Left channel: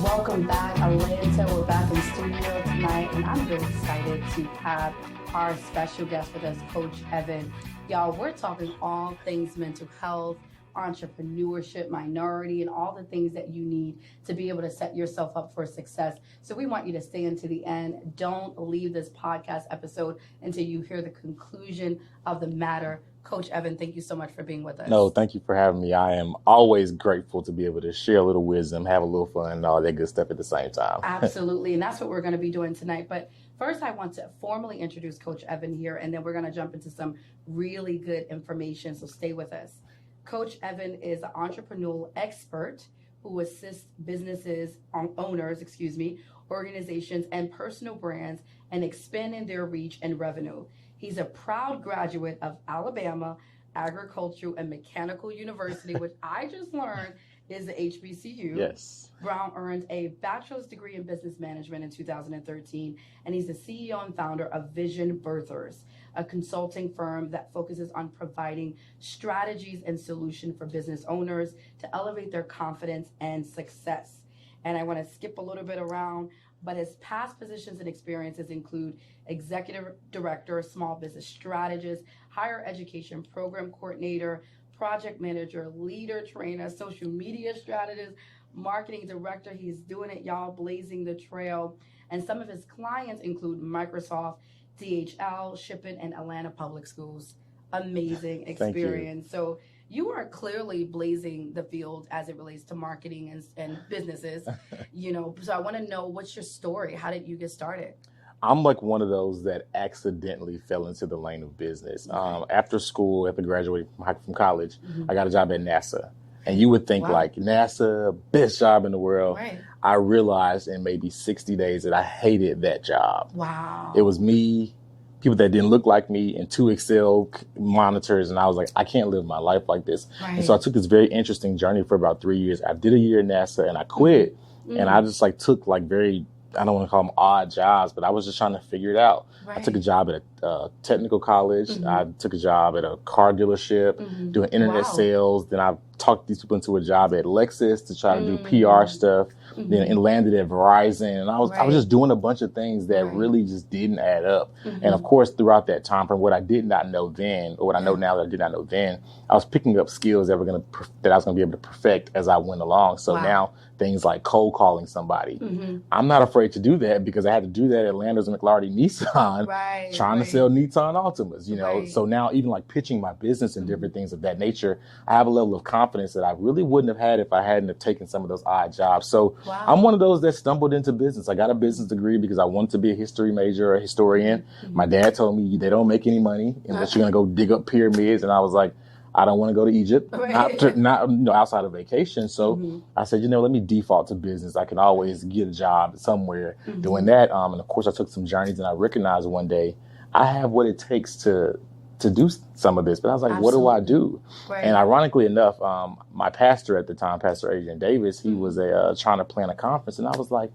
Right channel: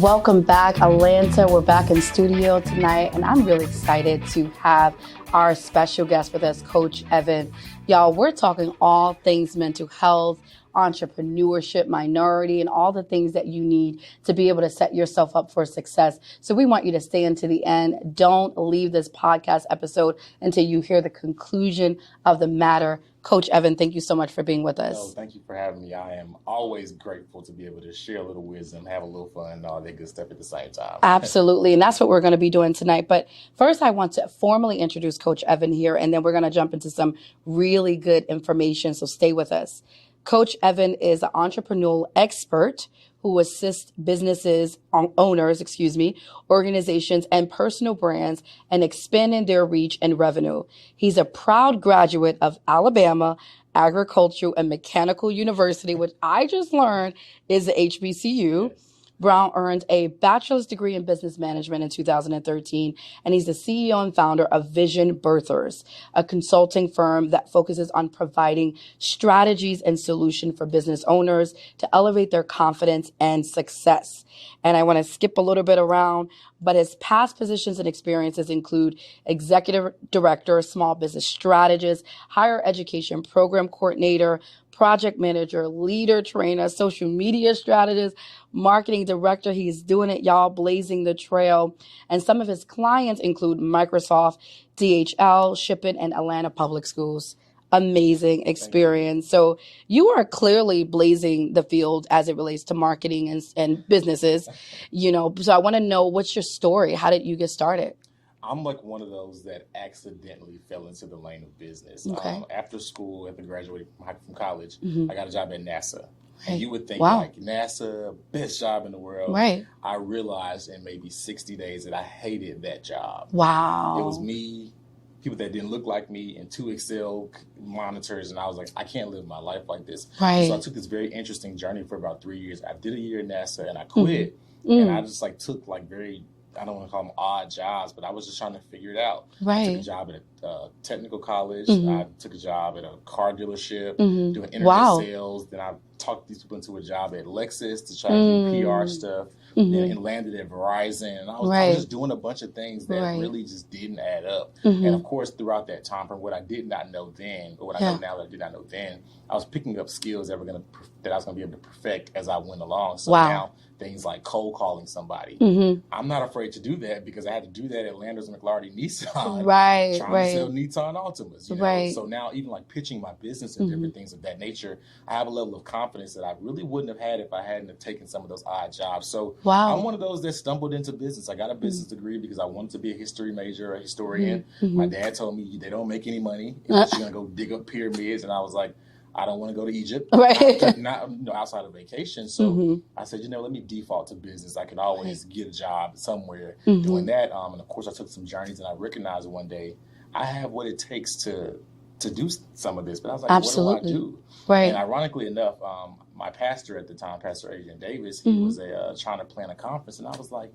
Welcome back, Atlanta. We're back in studio tonight, and I'm really excited to have our special guest with us, Coach Evan. Y'all, we're talking all things mental health, entrepreneurship, minority, and all the things that you need to be able to set yourself up for success. So we want you to stay until the end. Don't leave this podcast episode until you hear the conclusion of the matter. Coach Evan, thank you so much for being with us. No, thank you for having me. I am always grateful to be able to share a little wisdom, have a little fun, and all that good stuff at the same time. Absolutely. And that's what we're going to be doing tonight. But first, I want to formally introduce Coach Evan here, and then we're going to jump into some really good information. So stay with us. Coach Evan is an entrepreneurial expert who assists businesses, owners, organizations, and personal brands in expanding their reach and revenue. He's a proud graduate of Alabama Agricultural and Mechanical University, which I just learned is the HBCU. Yes. Brown earned a bachelor's degree in business management in 2013, and he's the CEO and founder of Vision Birthers, a consulting firm that focuses on providing strategies and solutions for business owners to elevate their confidence and success. And I want to skip a little bit around, but his past positions and experiences include executive director, small business strategist, higher education program coordinator, project manager, leader trainer, social media strategist, marketing director. He's doing it, y'all, blazing the trail. And some of his clients include Microsoft, DHL, Shipping, and Atlanta Public Schools. Amazing experience. So you are clearly blazing the field as it relates to marketing and businesses, So I want to know, what's your story? How did you get started? I'm like one of those that accidentally fell into the lane of business. Okay. After school, after graduating from college, I got a job at NASA. And you would think, Wow. like, NASA, best job in the world. Right. I realized in maybe 60 days that I hated that job. Wow. It was me, people that didn't look like me, and 2 Excel monitors. And I was like, I can't live my life like this. Right. And so I took this very interesting journey for about 3 years. I did a year at NASA and I quit. And I just took very, I don't want to call them odd jobs, but I was just trying to figure it out. Right. I took a job at a technical college. I took a job at a car dealership doing internet sales. Then I talked these people into a job at Lexus to try to do PR stuff. Then it landed at Verizon. And I was just doing a bunch of things that really just didn't add up. And of course, throughout that time, from what I did not know then, or what I know now that I did not know then, I was picking up skills that I was going to be able to perfect as I went along. So now things like cold calling somebody. I'm not afraid to do that because I had to do that at Landers and McLarty Nissan, trying to sell Nissan Altimas, So now even pitching my business and different things of that nature, I have a level of confidence that I really wouldn't have had if I hadn't have taken some of those odd jobs. So I'm one of those that stumbled into business. I got a business degree because I wanted to be a history major, a historian. My dad told me they don't make any money unless you're going to go dig up pyramids. And I was like, I don't want to go to Egypt, not outside of vacation. So I said, let me default to business. I can always get a job somewhere doing that. And of course, I took some journeys and I recognized one day I have what it takes to do some of this. But I was like, what do I do? Right. And ironically enough, my pastor at the time, Pastor Adrian Davis, he was trying to plan a conference. And I was like,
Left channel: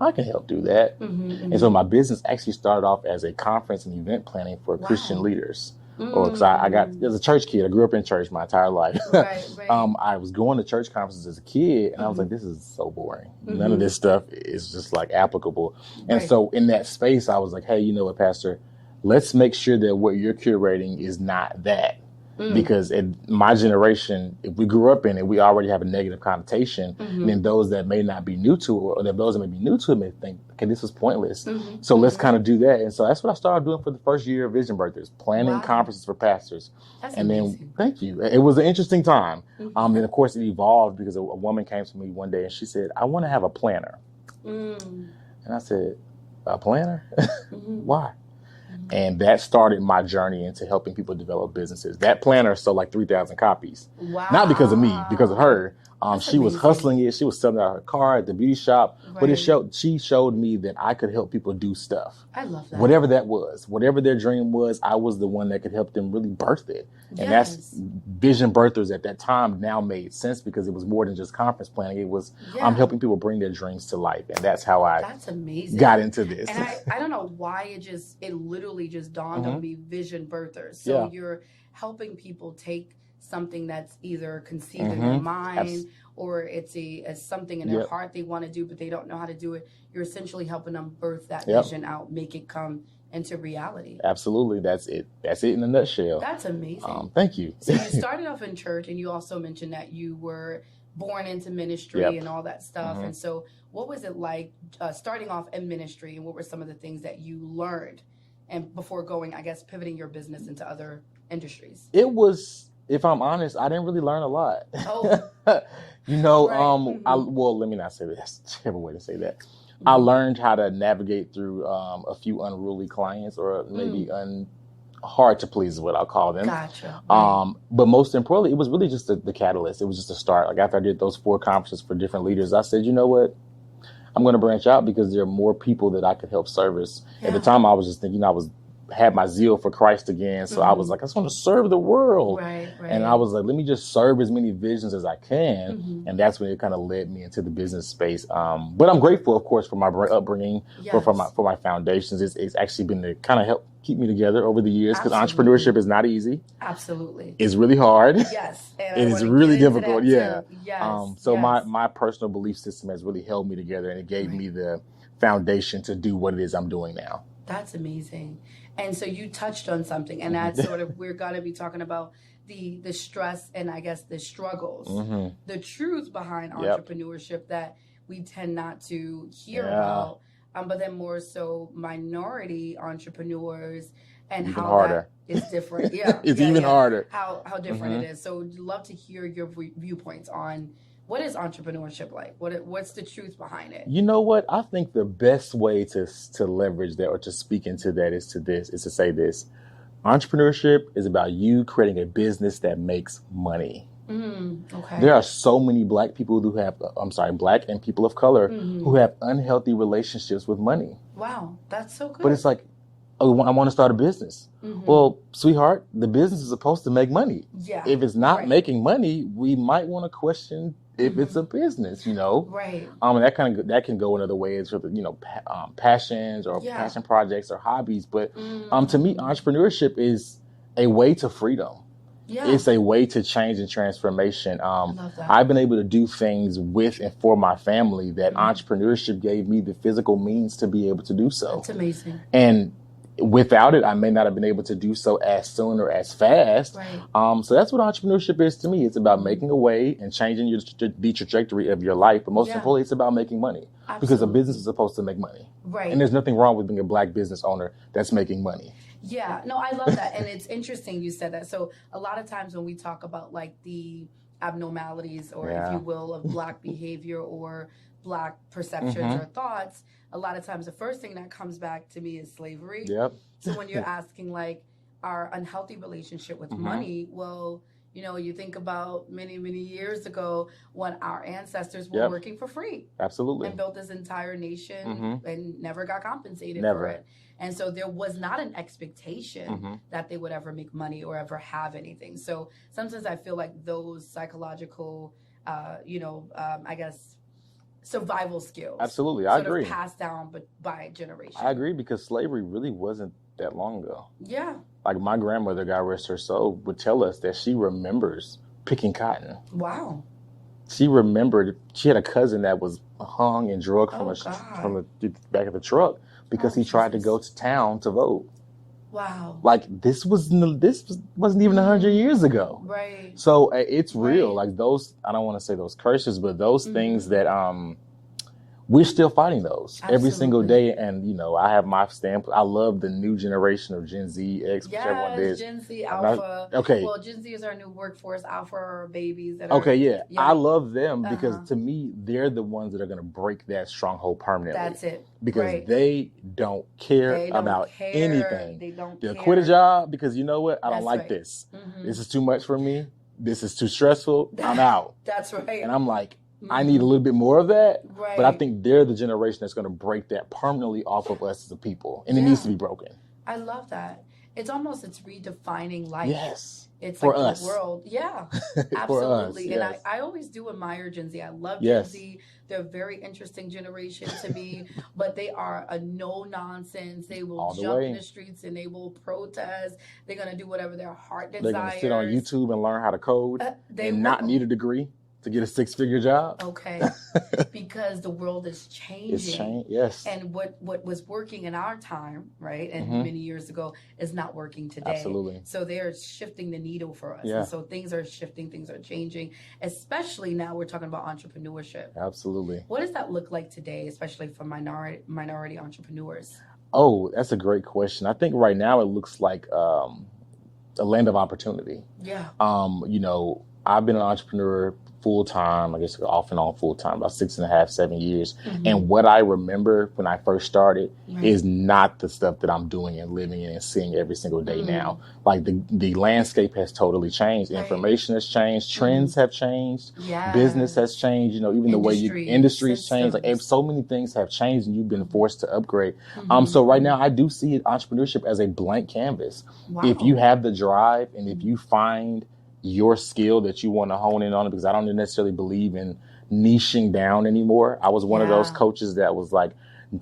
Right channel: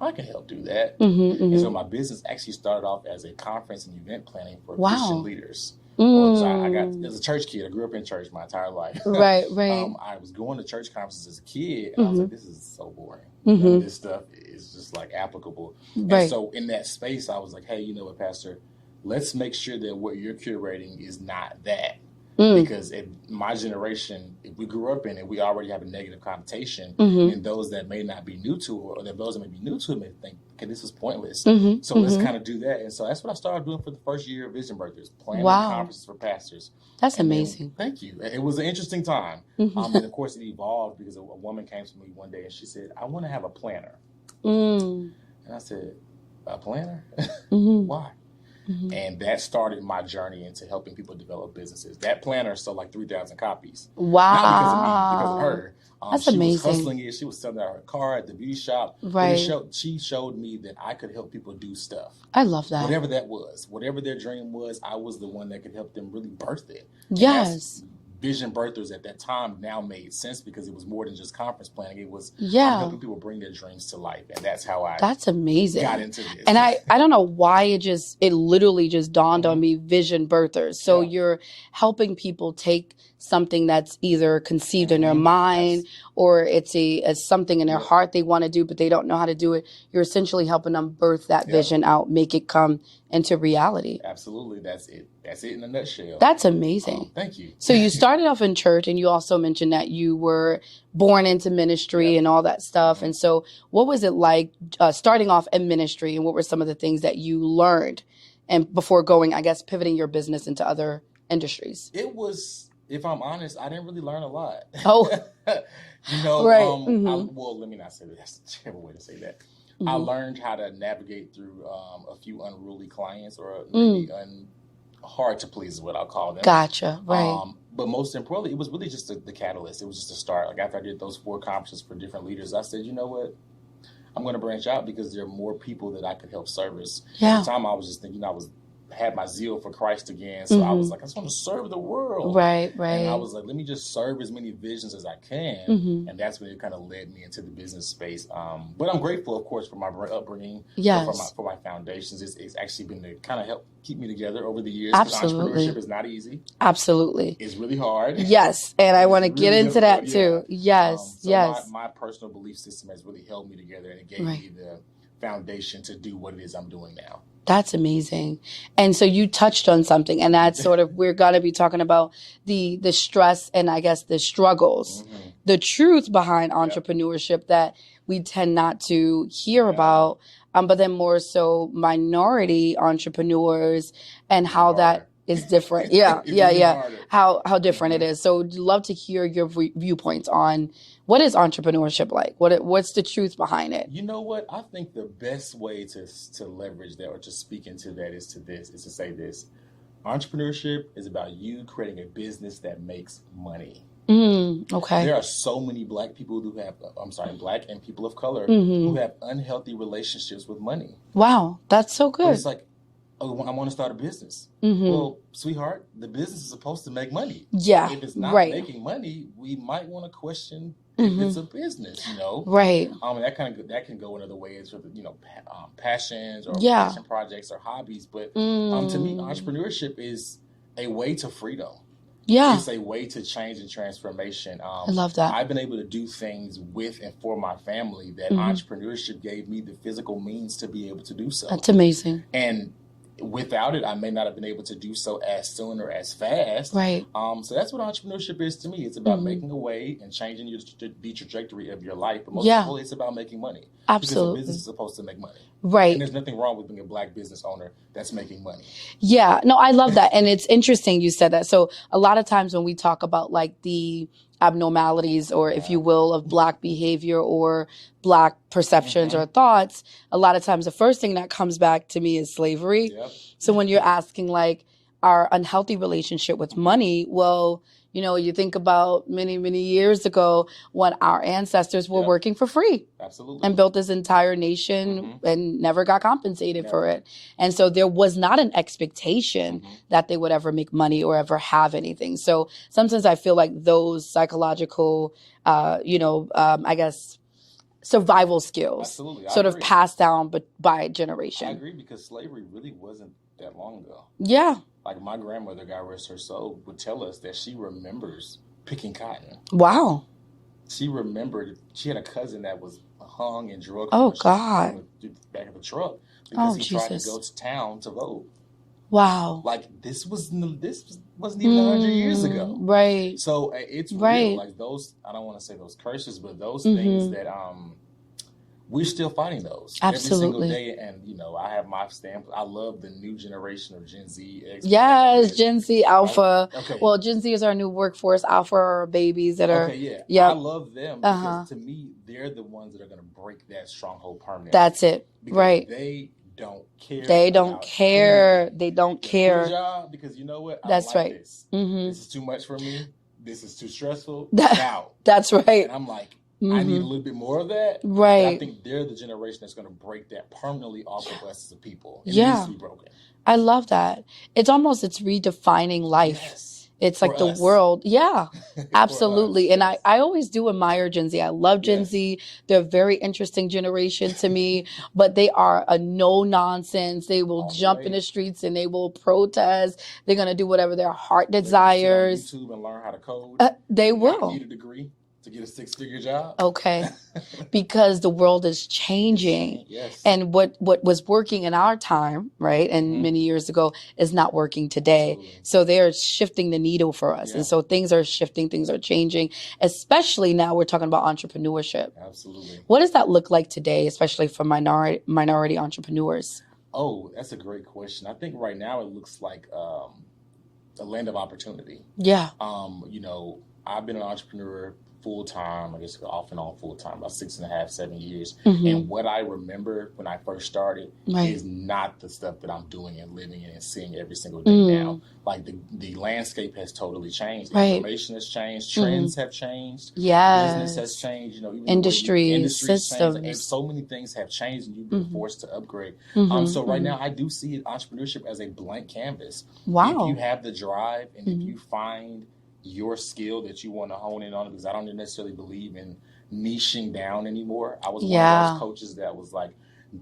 I can help do that. And so my business actually started off as a conference and event planning for Christian leaders. Because I as a church kid, I grew up in church my entire life. Right. I was going to church conferences as a kid, and I was like, this is so boring. None of this stuff is just applicable. And so in that space, I was like, hey, you know what, Pastor? Let's make sure that what you're curating is not that. Because in my generation, if we grew up in it, we already have a negative connotation. And then those that may not be new to it, or those that may be new to it may think, okay, this is pointless. So let's kind of do that. And so that's what I started doing for the first year of Vision Birthers, planning conferences for pastors. That's amazing. Thank you. It was an interesting time. And of course, it evolved because a woman came to me one day and she said, I want to have a planner. And I said, a planner? Why? And that started my journey into helping people develop businesses. That planner sold 3,000 copies. Wow. Not because of me, because of her. She amazing. was hustling it. She was selling out her car at the beauty shop. Right. But she showed me that I could help people do stuff. I love that. Whatever that was, whatever their dream was, I was the one that could help them really birth it. Yes. And that's Vision Birthers at that time now made sense because it was more than just conference planning. It was I'm helping people bring their dreams to life. And that's how I got into this. And I don't know why it literally just dawned on me, Vision Birthers. So you're helping people take something that's either conceived in their mind or it's as something in their heart they want to do, but they don't know how to do it. You're essentially helping them birth that vision out, make it come into reality. Absolutely. That's it. That's it in a nutshell. That's amazing. Thank you. So you started off in church, and you also mentioned that you were born into ministry and all that stuff. And so what was it like starting off in ministry, and what were some of the things that you learned and before going, I guess, pivoting your business into other industries? It was, if I'm honest, I didn't really learn a lot. Oh, well, let me not say that. Whichever way to say that. I learned how to navigate through a few unruly clients, or maybe hard to please is what I'll call them. Gotcha. Right. But most importantly, it was really just the catalyst. It was just a start. Like after I did those 4 conferences for different leaders, I said, you know what? I'm going to branch out because there are more people that I could help service. At the time, I was just thinking had my zeal for Christ again. So I was like, I just want to serve the world. Right. And I was like, let me just serve as many visions as I can. And that's when it kind of led me into the business space. But I'm grateful, of course, for my upbringing, for my foundations. It's actually been to kind of help keep me together over the years, because entrepreneurship is not easy. Absolutely. It's really hard. Yes. And I want to get into that too. Yes. So my personal belief system has really held me together, and it gave me the foundation to do what it is I'm doing now. That's amazing. And so you touched on something, and that's sort of, we're going to be talking about the stress and I guess the struggles, the truth behind entrepreneurship that we tend not to hear about, but then more so minority entrepreneurs and even how harder. That is different. Harder. How different it is. So I'd love to hear your viewpoints on what is entrepreneurship like? What's the truth behind it? You know what? I think the best way to leverage that or to speak into that is to say this. Entrepreneurship is about you creating a business that makes money. Okay. There are so many Black and people of color who have unhealthy relationships with money. Wow, that's so good. But it's like, oh, I want to start a business. Well, sweetheart, the business is supposed to make money. Yeah. If it's not making money, we might want to question if it's a business, Right. And that can go in other ways for passions or passion projects or hobbies. But to me, entrepreneurship is a way to freedom. Yeah. It's a way to change and transformation. I love that. I've been able to do things with and for my family that entrepreneurship gave me the physical means to be able to do so. That's amazing. And without it, I may not have been able to do so as soon or as fast. Right. So that's what entrepreneurship is to me. It's about making a way and changing the trajectory of your life. But most importantly, it's about making money. Absolutely. Because a business is supposed to make money. Right. And there's nothing wrong with being a Black business owner that's making money. Yeah. No, I love that. And it's interesting you said that. So a lot of times when we talk about like the abnormalities or if you will of Black behavior or Black perceptions or thoughts, a lot of times the first thing that comes back to me is slavery. Yep. So when you're asking like our unhealthy relationship with money, well, you think about many, many years ago when our ancestors were working for free. Absolutely. And built this entire nation and never got compensated for it. And so there was not an expectation that they would ever make money or ever have anything. So sometimes I feel like those psychological, I guess, survival skills Absolutely. sort of passed down by generation. I agree, because slavery really wasn't that long ago. Yeah. Like my grandmother, God rest her soul, would tell us that she remembers picking cotton. Wow. She remembered she had a cousin that was hung and drugged from the back of the truck because he tried to go to town to vote. Wow. Like this wasn't even 100 years ago. Right. So it's real. Like those, I don't want to say those curses, but those things that we're still fighting those every single day. And, I have my stamp. I love the new generation of Gen Z. Yes, Gen Z, Alpha. Okay. Well, Gen Z is our new workforce. Alpha are babies that are. Okay, yeah. I love them because to me, they're the ones that are going to break that stronghold permanently. That's it. Because they don't care. They don't about care. anything. They don't They'll care. quit a job because you know what? I don't like this. This is too much for me. This is too stressful. I'm out. That's right. And I'm like, I need a little bit more of that. Right. But I think they're the generation that's going to break that permanently off of us as a people. And it needs to be broken. I love that. It's redefining life. Yes. It's For like the us. world. Yeah, absolutely. us, And yes. I always do admire Gen Z. I love Gen Yes. Z. They're a very interesting generation to me, but they are a no nonsense. They will All the jump way. in the streets and they will protest. They're going to do whatever their heart They're gonna sit on desires. YouTube and learn how to code They and will. not need a degree to get a 6-figure job. Okay. Because the world is changing. Yes. And what was working in our time, right, and many years ago, is not working today. Absolutely. So they're shifting the needle for us. Yeah. And so things are shifting, things are changing, especially now we're talking about entrepreneurship. Absolutely. What does that look like today, especially for minority entrepreneurs? Oh, that's a great question. I think right now it looks like a land of opportunity. Yeah. You know, I've been an entrepreneur full time, I guess off and on full time, about 6.5, 7 years. And what I remember when I first started is not the stuff that I'm doing and living in and seeing every single day now. Like the landscape has totally changed. Information has changed. Trends have changed. Yes. Business has changed. You know, even Industry, the way industry's changed. Like, so many things have changed, and you've been forced to upgrade. So right now, I do see entrepreneurship as a blank canvas. Wow. If you have the drive and if you find your skill that you want to hone in on, because I don't necessarily believe in niching down anymore. I was one of those coaches that was like,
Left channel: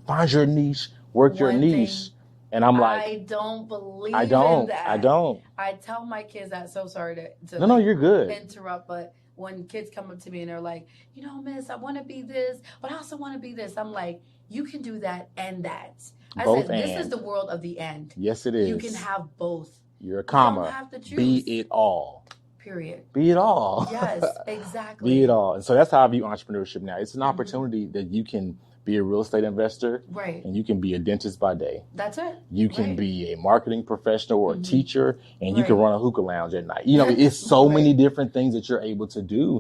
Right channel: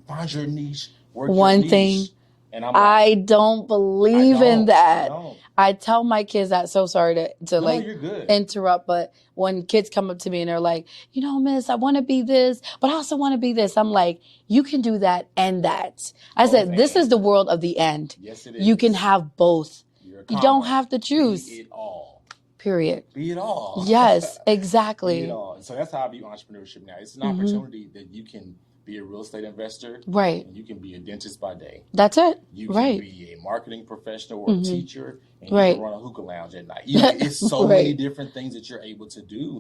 find your niche, work your niche. Thing, and I'm like, I don't believe in that. I don't. I tell my kids that. So sorry to No, you're good. interrupt, but when kids come up to me and they're like, you know, miss, I want to be this, but I also want to be this. I'm like, you can do that and that. I Both said, this is the world of the end. Yes, it is. You can have both. You're a You don't have to choose. Be it all. Period. Be it all. Yes, exactly. Be it all. And so that's how I view entrepreneurship now. It's an opportunity that you can be a real estate investor. Right. And you can be a dentist by day. That's it. You can be a marketing professional or a teacher, and you can run a hookah lounge at night. You know, it's so many different things that you're able to do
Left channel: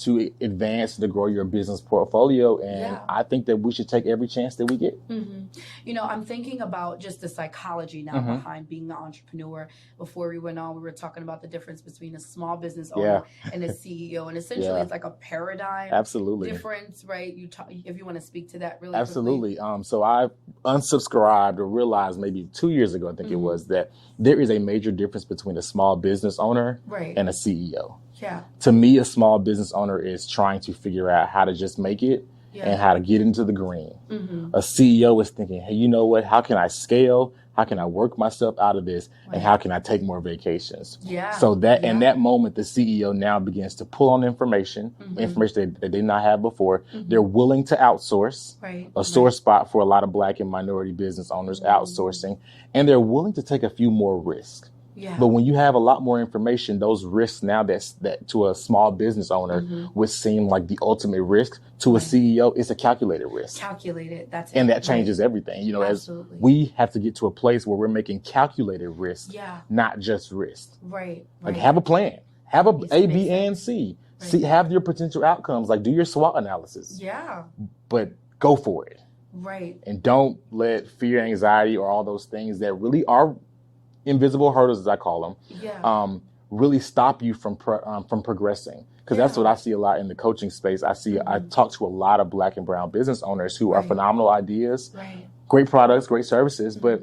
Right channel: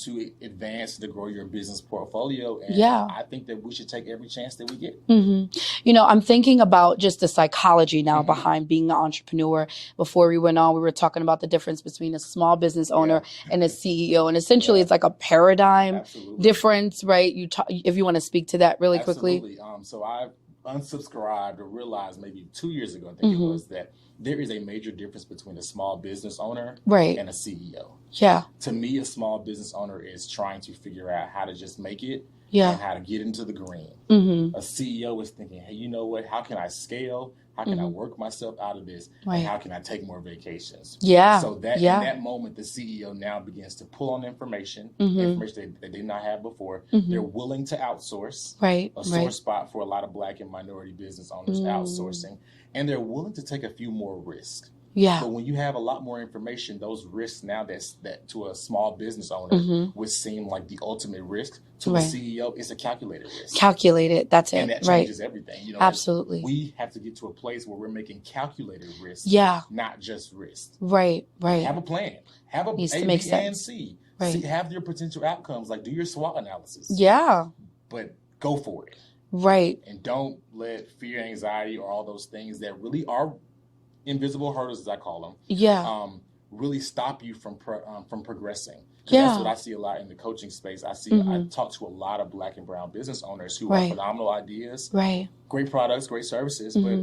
to advance, to grow your business portfolio. And I think that we should take every chance that we get. You know, I'm thinking about just the psychology now behind being an entrepreneur. Before we went on, we were talking about the difference between a small business owner and a CEO. And essentially, it's like a paradigm difference, right? If you want to speak to that really quickly. Absolutely. So I unsubscribed or realized maybe 2 years ago, I think it was, that there is a major difference between a small business owner and a CEO. Yeah. To me, a small business owner is trying to figure out how to just make it and how to get into the green. A CEO is thinking, hey, you know what? How can I scale? How can I work myself out of this? And how can I take more vacations? Yeah. So that in that moment, the CEO now begins to pull on information that they did not have before. They're willing to outsource. A sore spot for a lot of Black and minority business owners, outsourcing. And they're willing to take a few more risks. Yeah. But when you have a lot more information, those risks now that to a small business owner would seem like the ultimate risk, to a CEO, it's a calculated risk. Calculated, that's it. And that changes everything. You know, absolutely. We have to get to a place where we're making calculated risks, not just risks. Right. Like, have a plan. Have a A, B, and C. Have your potential outcomes. Like, do your SWOT analysis. Yeah. But go for it. Right. And don't let fear, anxiety, or all those things that really are invisible hurdles, as I call them, really stop you from progressing. Because that's what I see a lot in the coaching space. I talk to a lot of Black and brown business owners who are phenomenal ideas, great products, great services, but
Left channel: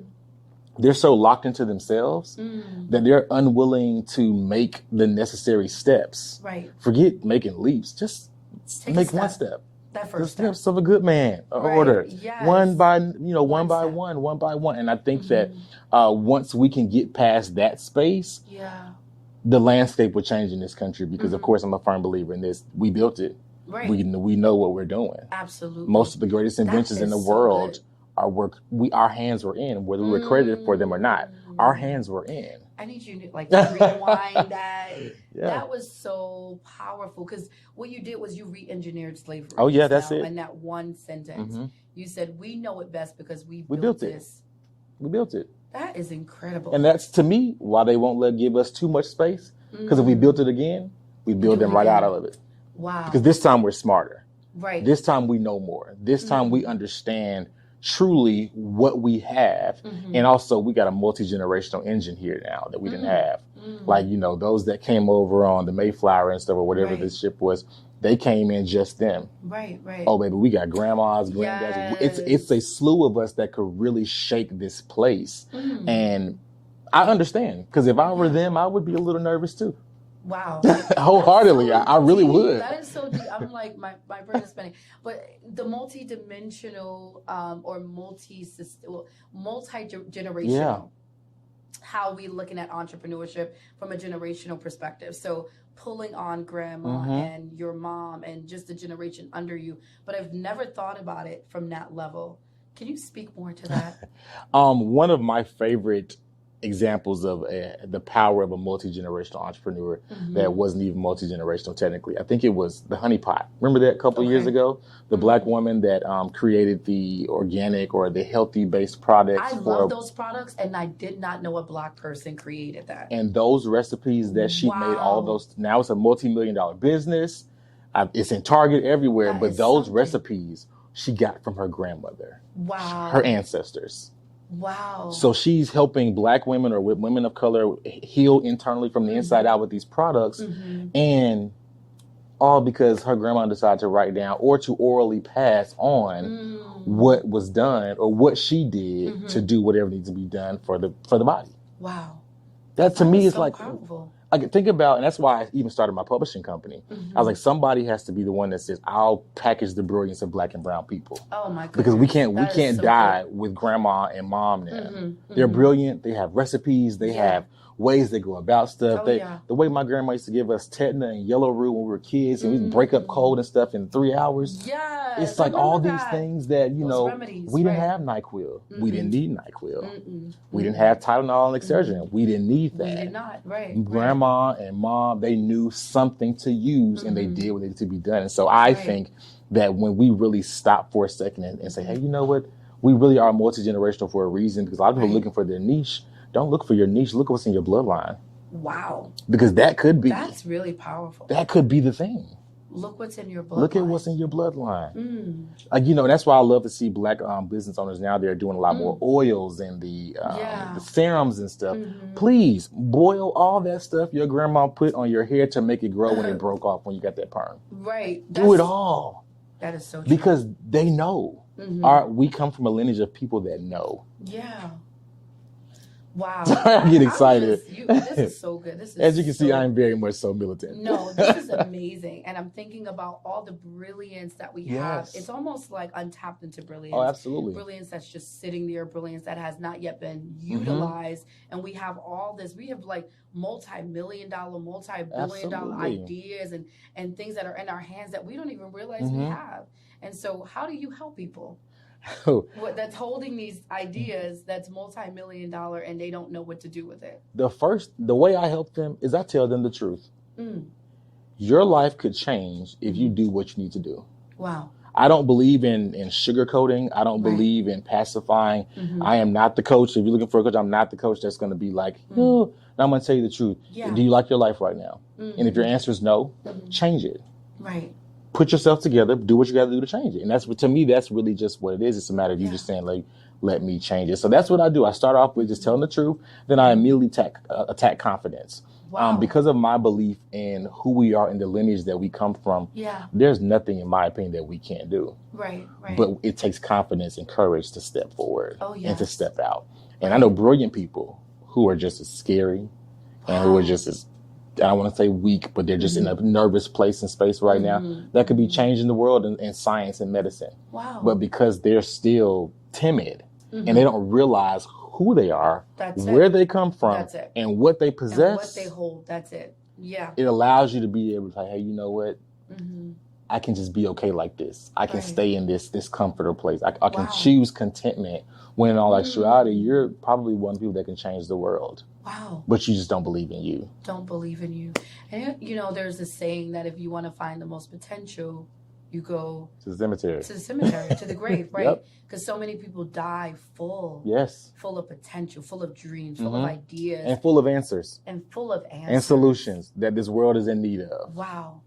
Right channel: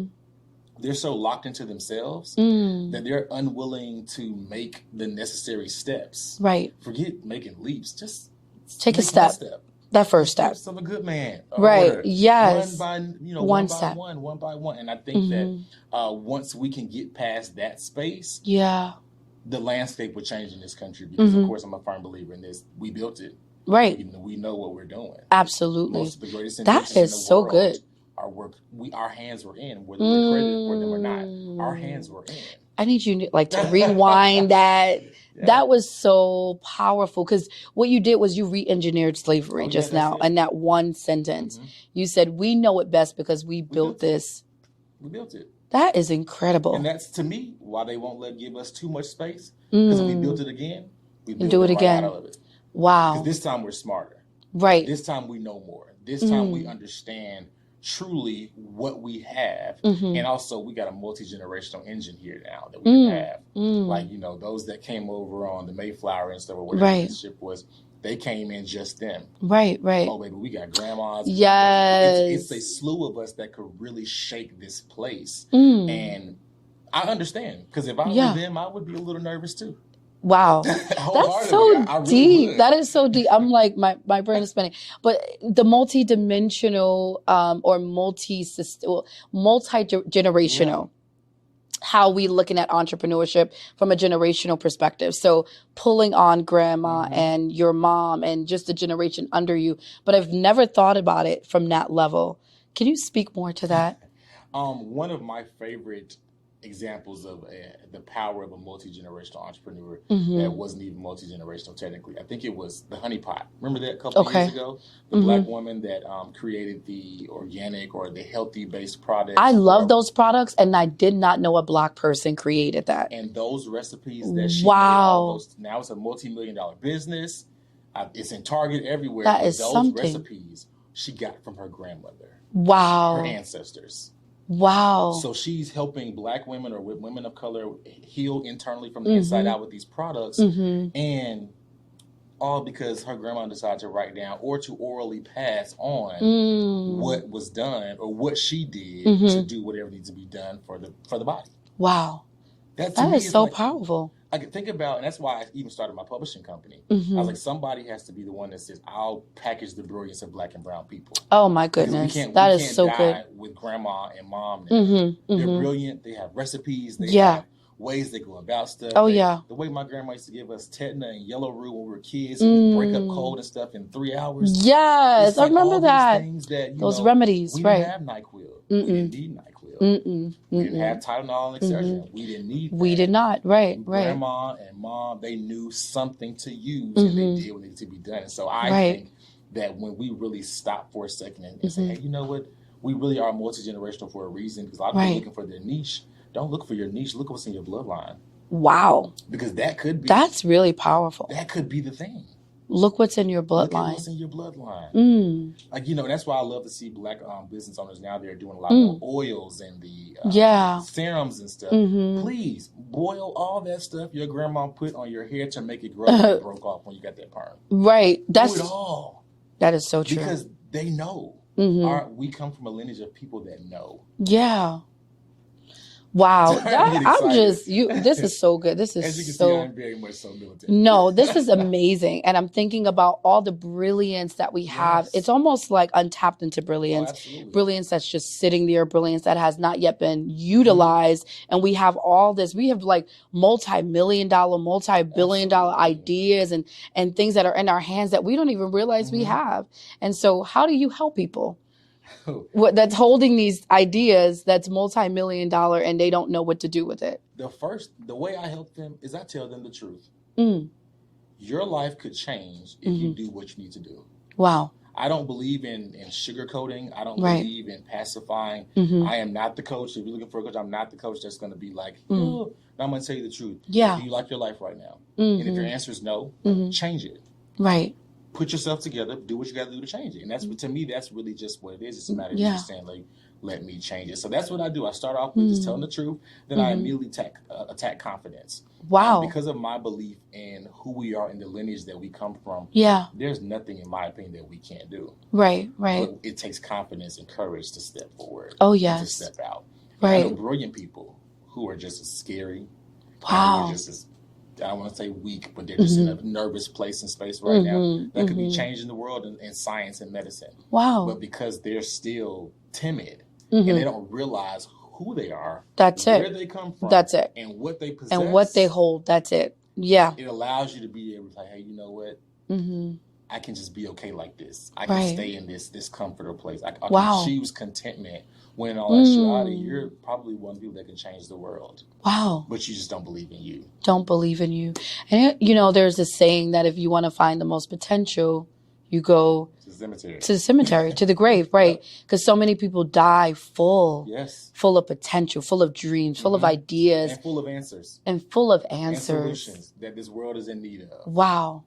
they're so locked into themselves that they're unwilling to make the necessary steps. Right. Forget making leaps. Just take a step. That first step. Steps of a good man. Order. Yes. One by one. And I think that once we can get past that space, the landscape will change in this country, because of course I'm a firm believer in this. We built it. Right. We know what we're doing. Absolutely. Most of the greatest inventions in the world are work our hands were in, whether we're credited for them or not. Our hands were in. I need you to rewind that. Yeah. That was so powerful, because what you did was you re-engineered slavery just now in that one sentence. You said, we know it best because we built this. We built it. That is incredible. And that's, to me, why they won't give us too much space. Because if we built it again, we build it right out of it. Wow. Because this time we're smarter. Right. This time we know more. This time we understand truly what we have. And also we got a multi-generational engine here now that we didn't have. Like, those that came over on the Mayflower and stuff, or whatever this ship was, they came in just them. Right. Oh, baby, we got grandmas. Yes. It's a slew of us that could really shake this place. And I understand, because if I were them, I would be a little nervous too. Wow. Wholeheartedly, I really deep. would. That is so deep. I'm like, my brain is spinning. But the multi-dimensional or multi-generational, how we looking at entrepreneurship from a generational perspective. So pulling on grandma and your mom and just the generation under you. But I've never thought about it from that level. Can you speak more to that? One of my favorite examples of the power of a multi-generational entrepreneur that wasn't even multi-generational technically. I think it was the honey pot. Remember that a couple of years ago? The Black woman that created the organic or the healthy-based products. I love those products, and I did not know a Black person created that. And those recipes that she made, all those, now it's a multi-million-dollar business. It's in Target everywhere. But those recipes she got from her grandmother. Wow. Her ancestors. Wow. So she's helping Black women or women of color heal internally from the inside out with these products. And all because her grandma decided to write down or to orally pass on what was done or what she did to do whatever needs to be done for the body. Wow. That to me is so like powerful. I could think about, and that's why I even started my publishing company. I was like, somebody has to be the one that says, I'll package the brilliance of Black and brown people. Oh my goodness. Because we can't die with grandma and mom now. They're brilliant. They have recipes. They have ways they go about stuff. The way my grandma used to give us tetna and yellow root when we were kids, and we'd break up cold and stuff in 3 hours. Yes, it's like I remember all that. These things that, those remedies. We didn't have NyQuil. We didn't need NyQuil. We didn't have Tylenol and Excedrin. We didn't need that. We did not, right. Grandma and mom, they knew something to use and they did what needed to be done. And so I think that when we really stop for a second and say, hey, you know what? We really are multi-generational for a reason, because a lot of people are looking for their niche. Don't look for your niche. Look at what's in your bloodline. Wow. Because that could be. That's really powerful. That could be the thing. Look what's in your bloodline. Look at what's in your bloodline. That's why I love to see Black business owners now. They're doing a lot more oils and the serums and stuff. Please boil all that stuff your grandma put on your hair to make it grow and it broke off when you got that perm. Right. Do it all. That is so true. Because they know. We come from a lineage of people that know. Yeah. Wow. I get excited. This is so good. This is As you can see, I'm very much so militant. No, this is amazing. And I'm thinking about all the brilliance that we have. It's almost like untapped into brilliance. Oh, absolutely. Brilliance that's just sitting there, brilliance that has not yet been utilized. And we have all this. We have like multi-million-dollar, multi-billion-dollar ideas and things that are in our hands that we don't even realize we have. And so how do you help people? That's holding these ideas that's multi-million-dollar and they don't know what to do with it? The way I help them is I tell them the truth. Your life could change if you do what you need to do. Wow. I don't believe in sugarcoating. I don't believe in pacifying. I am not the coach. If you're looking for a coach, I'm not the coach that's going to be like, no, I'm going to tell you the truth. Yeah. Do you like your life right now? And if your answer is no, change it. Right. Put yourself together, do what you got to do to change it. And that's, to me, that's really just what it is. It's a matter of you just saying, like, let me change it. So that's what I do. I start off with just telling the truth. Then I immediately attack confidence. Wow. Because of my belief in who we are and the lineage that we come from, there's nothing, in my opinion, that we can't do. Right. But it takes confidence and courage to step forward. And to step out. And I know brilliant people who are just as scary and who are just as, I don't want to say weak, but they're just in a nervous place and space right now that could be changing the world in science and medicine. Wow. But because they're still timid and they don't realize who they are, where they come from, and what they possess. And what they hold, that's it. Yeah. It allows you to be able to say, hey, you know what? I can just be okay like this. I can stay in this comfortable place. I can choose contentment. When in all actuality, you're probably one of the people that can change the world. Wow. But you just don't believe in you. Don't believe in you. And, there's this saying that if you want to find the most potential, you go to the cemetery. To the cemetery, to the grave, right? Because so many people die full. Yes. Full of potential, full of dreams, full of ideas. And full of answers. And solutions that this world is in need of. Wow.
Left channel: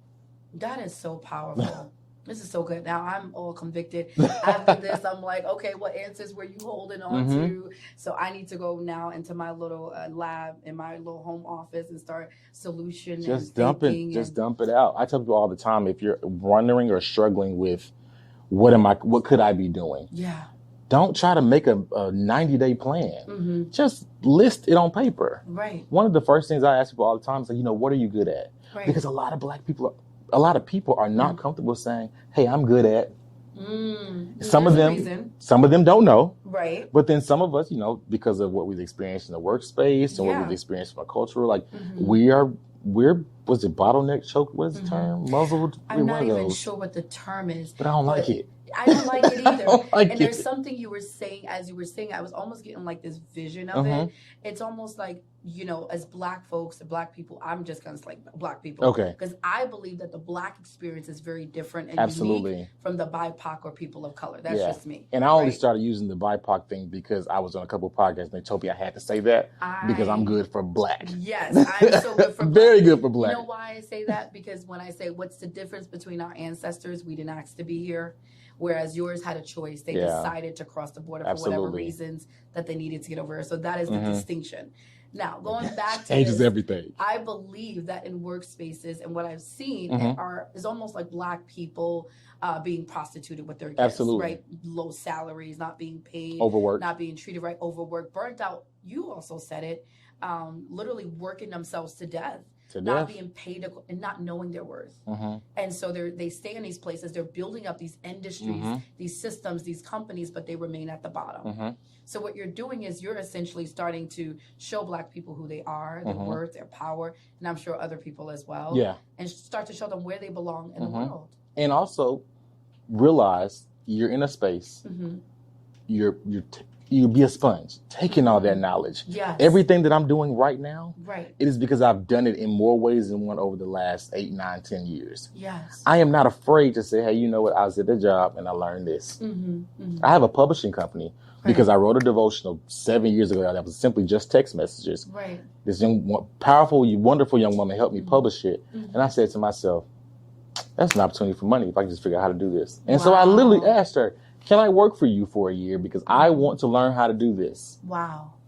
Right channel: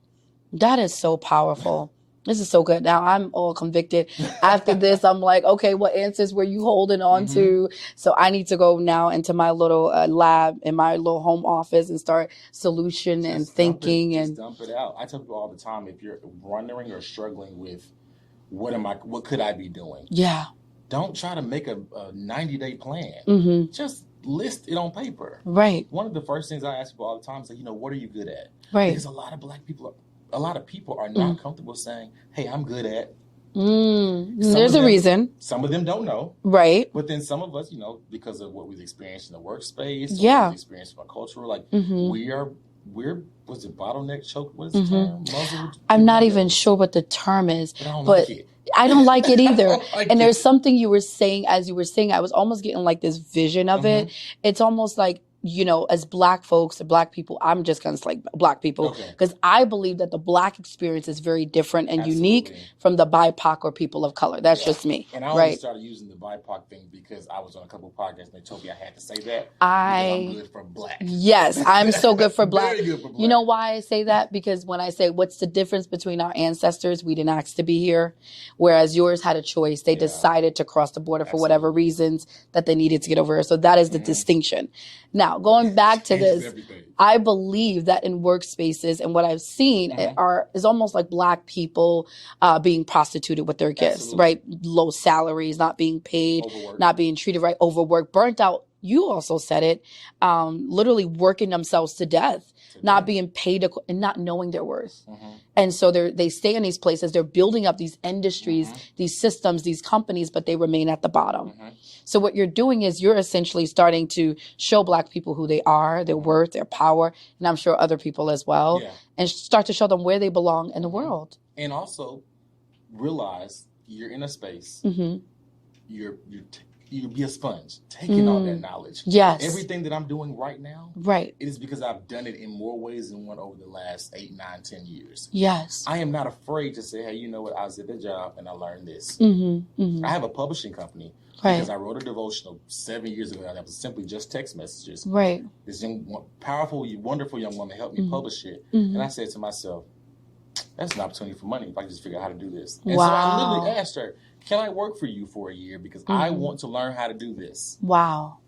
That is so powerful. This is so good. Now I'm all convicted. After this, I'm like, okay, what answers were you holding on to? So I need to go now into my little lab in my little home office and start solution and thinking. Just dump it out. I tell people all the time, if you're wondering or struggling with what could I be doing? Yeah. don't try to make a 90-day plan. Just list it on paper. Right. One of the first things I ask people all the time is, like, what are you good at? Right. Because a lot of people are not comfortable saying, hey, I'm good at. There's a reason. Some of them don't know. Right. But then some of us, because of what we've experienced in the workspace, or what we've experienced from a cultural, like we're was it bottleneck choke? What is the term? Muzzled? I'm not even sure what the term is. But I don't like it. I don't like it either. There's something you were saying, as you were saying, I was almost getting like this vision of it. It's almost like, as Black folks or Black people, I'm just going to say Black people. Okay. Because I believe that the Black experience is very different and unique from the BIPOC or people of color. That's just me. And I only started using the BIPOC thing because I was on a couple of podcasts and they told me I had to say that because I'm good for Black. Yes, I'm so good for Black. Very good for Black. You know why I say that? Because when I say what's the difference between our ancestors, we didn't ask to be here, whereas yours had a choice. They decided to cross the border for whatever reasons that they needed to get over here. So that is the distinction. Now, going back to this, everything. I believe that in workspaces and what I've seen is almost like Black people being prostituted with their gifts, right? Low salaries, not being paid, overworked, not being treated right, overworked, burnt out. You also said it, literally working themselves to death. Not being paid and not knowing their worth. And so they stay in these places. They're building up these industries, these systems, these companies, but they remain at the bottom. So what you're doing is you're essentially starting to show Black people who they are, their worth, their power, and I'm sure other people as well, and start to show them where they belong in the world. And also realize you're in a space, you be a sponge, taking all that knowledge. Yes. Everything that I'm doing right now, right, it is because I've done it in more ways than one over the last 8, 9, 10 years. Yes. I am not afraid to say, hey, you know what? I was at the job and I learned this. I have a publishing company because I wrote a devotional 7 years ago that was simply just text messages. Right. This powerful, wonderful young woman helped me publish it. And I said to myself, that's an opportunity for money if I can just figure out how to do this. And so I literally asked her, can I work for you for a year? Because I want to learn how to do this. Wow.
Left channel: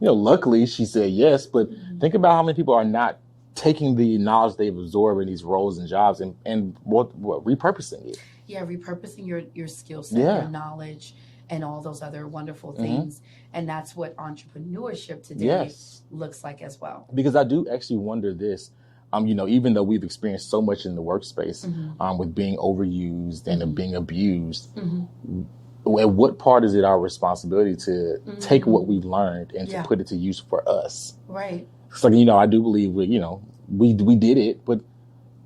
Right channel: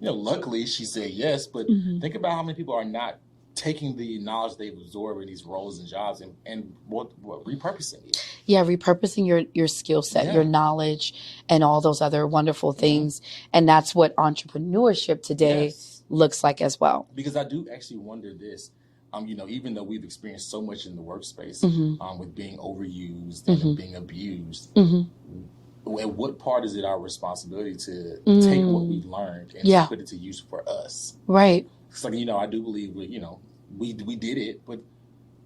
Luckily she said yes, but think about how many people are not taking the knowledge they've absorbed in these roles and jobs and repurposing it. Yeah, repurposing your skill set, your knowledge, and all those other wonderful things. And that's what entrepreneurship today looks like as well. Because I do actually wonder this. Even though we've experienced so much in the workspace with being overused and being abused, at what part is it our responsibility to take what we've learned and to put it to use for us? Right. So, I do believe we did it, but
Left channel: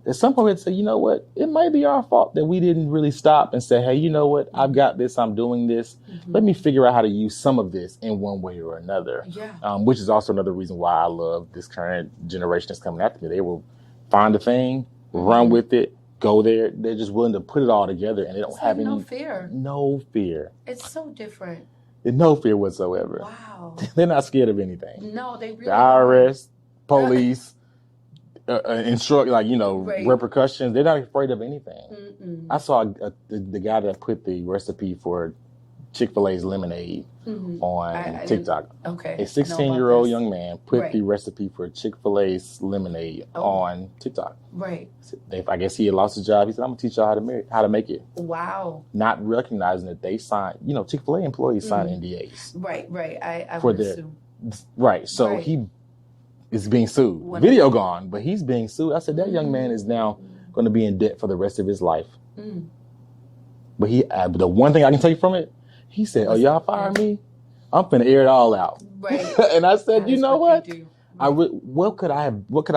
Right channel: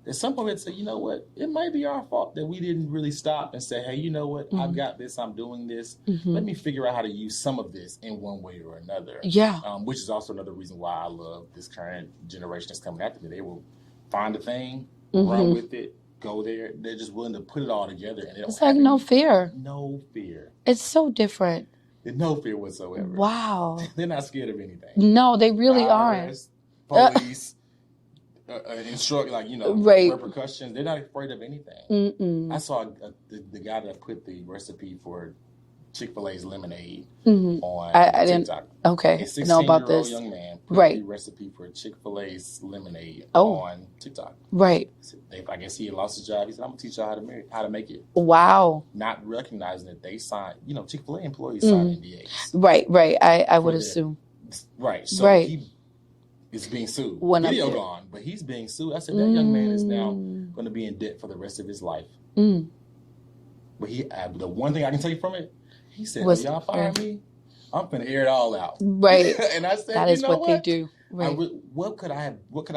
at some point say, you know what, it might be our fault that we didn't really stop and say, hey, you know what, I've got this, I'm doing this. Let me figure out how to use some of this in one way or another. Yeah. Which is also another reason why I love this current generation that's coming after me. They will find a thing, run with it, go there. They're just willing to put it all together and they don't have no fear. No fear. It's so different. There's no fear whatsoever. Wow. They're not scared of anything. No, they really IRS, police, repercussions. They're not afraid of anything. I saw the guy that put the recipe for Chick-fil-A's lemonade on TikTok. Okay. A 16-year-old young man put the recipe for Chick-fil-A's lemonade on TikTok. Right. I guess he had lost his job. He said, I'm going to teach y'all how to make it. Wow. Not recognizing that they signed, Chick-fil-A employees sign NDAs. Right. I would assume. Right. So he is being sued. Video gone, but he's being sued. I said, that young man is now going to be in debt for the rest of his life. But the one thing I can take from it, he said, y'all firing me? I'm finna air it all out. Right. And I said, you know what? They do. Right. What could I